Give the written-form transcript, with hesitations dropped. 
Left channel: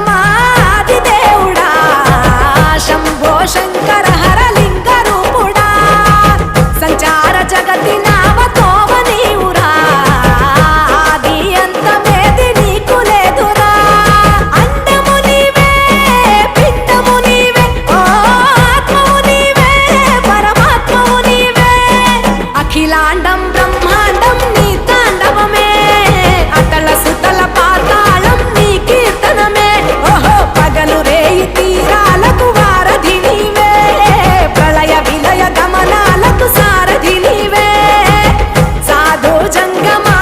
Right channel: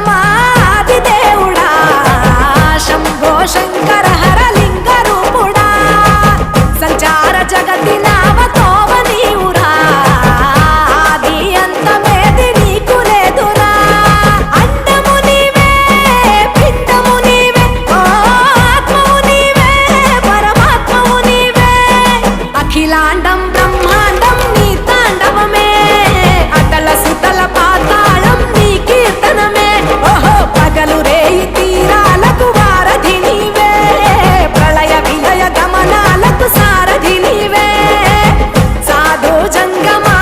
జంగమాది దేవుడా శంభో శంకర హరలింగ రూపుడా సంచార జగతి నావతోవ నీవురా ఆది అంతమేది నీకు లేదురా అండము నీవే పిండము నీవే ఓ ఆత్మవు నీవే పరమాత్మవు నీవే అఖిలాండం బ్రహ్మాండం నీ తాండవమే అతల సుతల పాతాళం నీ కీర్తనమే ఓహో పగలు రేయి తీరాలకు వారధి నీవే ప్రళయ విలయ గమనాలకు సారథి నీవే సాధు జంగమా